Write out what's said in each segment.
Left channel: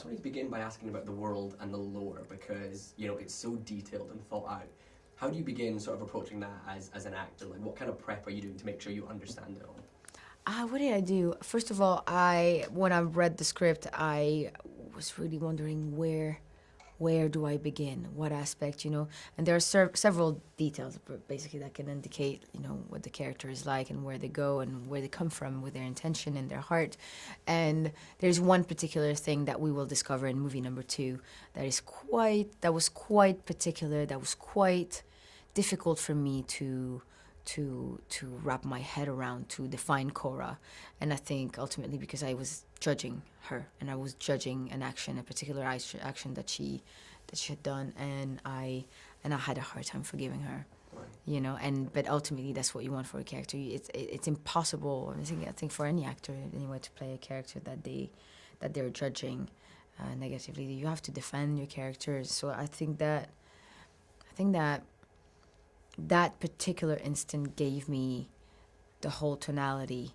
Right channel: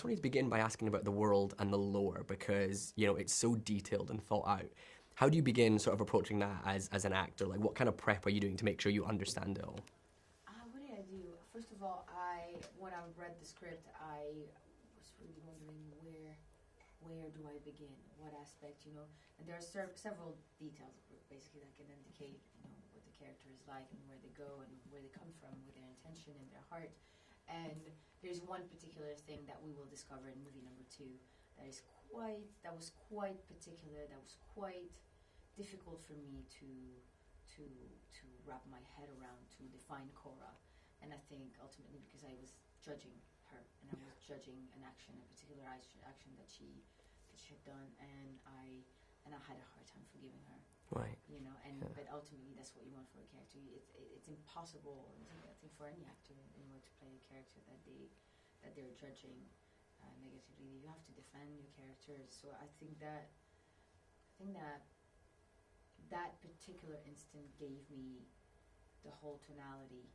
just wanted to begin by asking about the world and the lore because, you know, it's so detailed and thought out. How do you begin sort of approaching that as an actor? Like, what kind of prep are you doing to make sure you understand it all? What did I do? First of all, when I read the script, I was really wondering where do I begin? What aspect, you know? And there are several details, basically, that can indicate, you know, what the character is like and where they go and where they come from with their intention and their heart. And there's one particular thing that we will discover in movie number 2 that was quite particular, that was quite difficult for me to wrap my head around, to define Kora. And I think ultimately because I was judging her and I was judging an action, a particular action that she had done, and I had a hard time forgiving her. Right. You know, but ultimately that's what you want for a character. It's impossible, I think for any actor anyway, to play a character that they're judging negatively. You have to defend your characters. So I think that particular instant gave me the whole tonality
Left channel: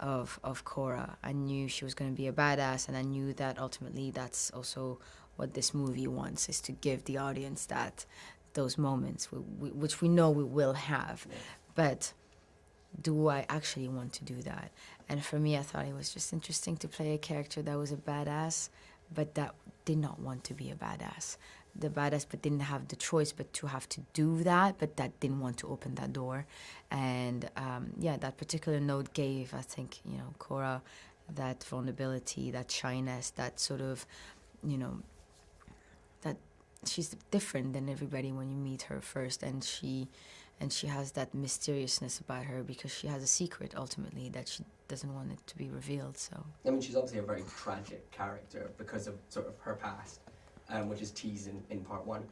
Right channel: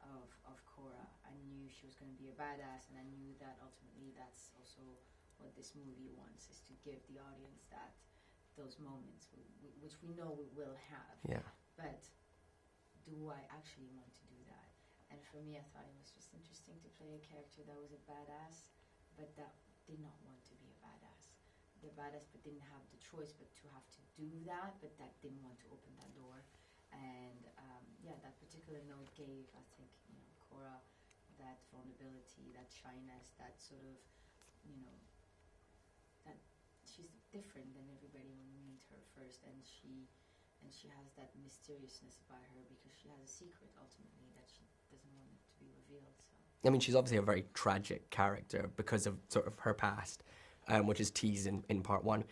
of Kora. I knew she was going to be a badass, and I knew that ultimately that's also what this movie wants, is to give the audience those moments, which we know we will have. Yeah. But do I actually want to do that? And for me, I thought it was just interesting to play a character that was a badass, but that did not want to be a badass. The badass, but didn't have the choice but to have to do that, but that didn't want to open that door. And that particular note gave, I think, you know, Kora that vulnerability, that shyness, that sort of, you know, that she's different than everybody when you meet her first, and she has that mysteriousness about her because she has a secret ultimately that she doesn't want it to be revealed. So I mean, she's obviously a very tragic character because of sort of her past, which is teased in part 1.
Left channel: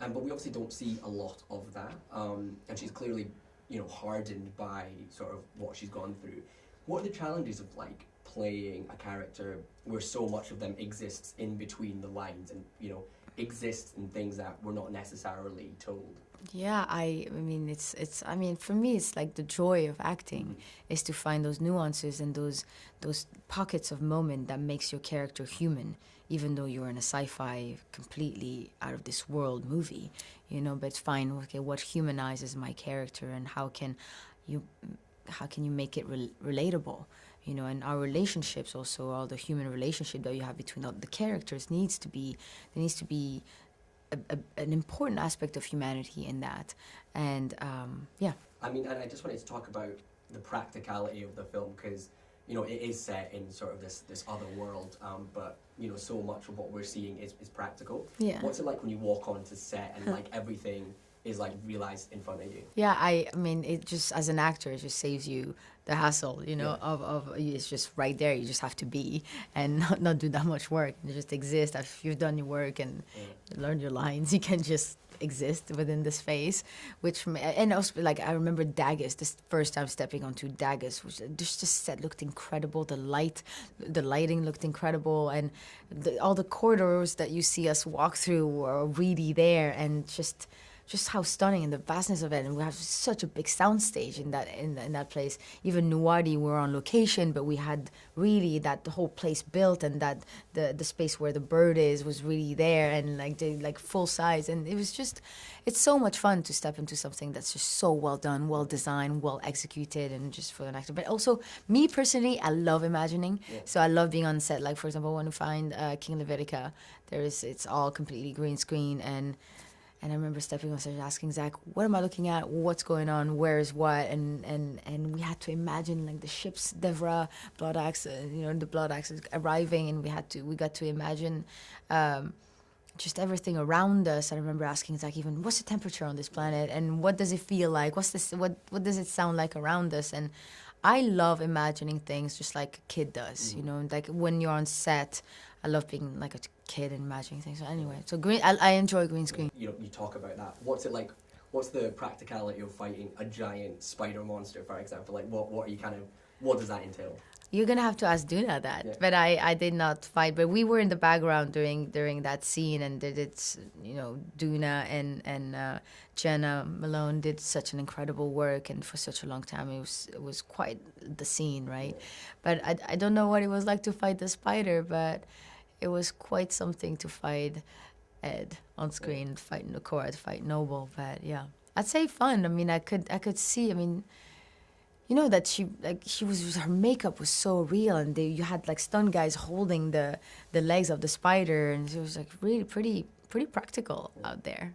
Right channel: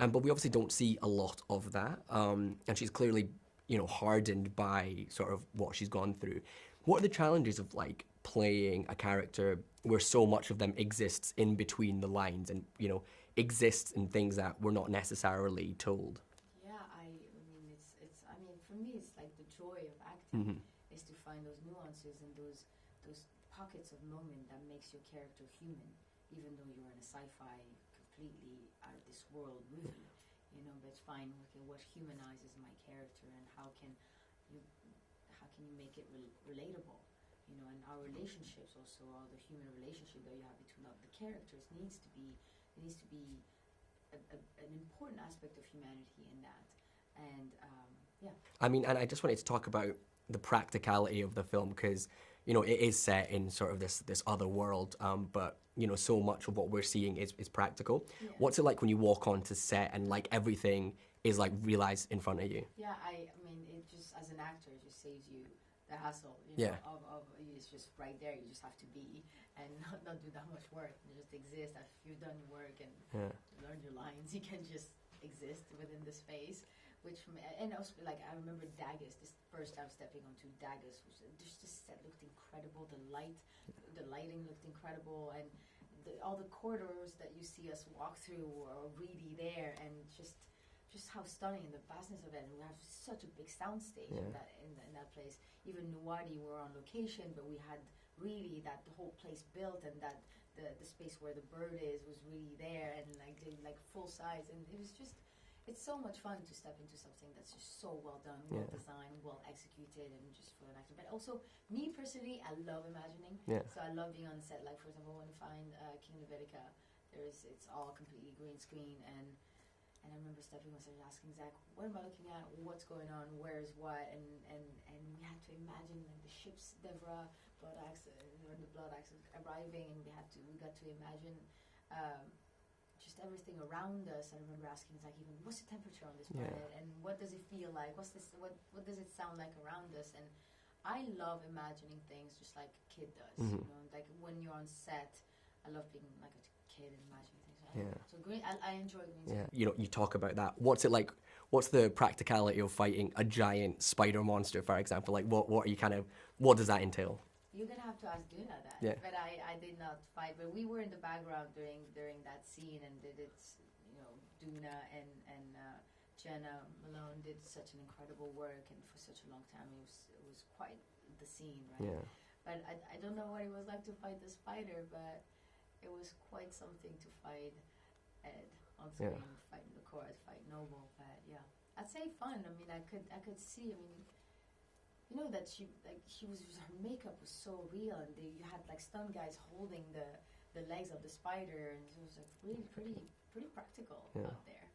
But we obviously don't see a lot of that. And she's clearly, you know, hardened by sort of what she's gone through. What are the challenges of, like, playing a character where so much of them exists in between the lines and, you know, exists in things that we're not necessarily told? Yeah, I mean, it's I mean, for me, it's like the joy of acting is to find those nuances and those pockets of moment that makes your character human, even though you're in a sci-fi, completely out of this world movie, you know. But it's fine. Okay, what humanizes my character, and how can you make it relatable, you know? And our relationships also, all the human relationship that you have between all the characters needs to be an important aspect of humanity in that. And yeah. I mean, and I just wanted to talk about the practicality of the film because, you know, it is set in sort of this other world, but, you know, so much of what we're seeing is practical. Yeah. What's it like when you walk onto set and, like, everything is, like, realized in front of you? Yeah, I mean, it just, as an actor, it just saves you the hassle, you know, of it's just right there. You just have to be and not do that much work. You just exist. If you've done your work and learned your lines, you can just exist within the space. And also, like, I remember Daggers, this first time stepping onto Daggers, which just set looked incredible. The lighting looked incredible, and all the corridors that you see us walk through were really there, and just how stunning and the vastness of it. And we have such a big soundstage in that place. Even Nuwadi, we were on location, but we had really the whole place built, and that the space where the bird was really there, and like full size. And it was just, it's so much fun to step into something that's just so well done, well designed, well executed, and just for an actor. But also, me personally, I love imagining. Yeah. So I love being on set. Like, for example, when we find King Levitica, it's all completely green screen, and I remember stepping on stage asking Zack, what am I looking at? What's going on? Where is what? And we had to imagine, like, the ships, Devra, Bloodaxes, you know, the Bloodaxes arriving, and we got to imagine just everything around us. I remember asking Zack even, what's the temperature on this planet? And what does it feel like? What does it sound like around us? And I love imagining things just like a kid does, you know, like when you're on set. I love being like a kid and imagining things. So anyway, so I enjoy green screen. You know, you talk about that. What's it like? What's the practicality of fighting a giant spider monster, for example? Like, what does that entail? You're gonna have to ask Doona that. Yeah. But I did not fight. But we were in the background during that scene, and it's, you know, Doona and Jenna Malone did such an incredible work, and for such a long time it was quite the scene, right? Yeah. But I don't know what it was like to fight the spider, but it was quite something to fight Ed on screen, fighting the Kora, to fight Noble. But yeah, I'd say fun. I mean, I could see. I mean, you know that she was, her makeup was so real, and you had like stunt guys holding the legs of the spider, and it was like really pretty practical out there.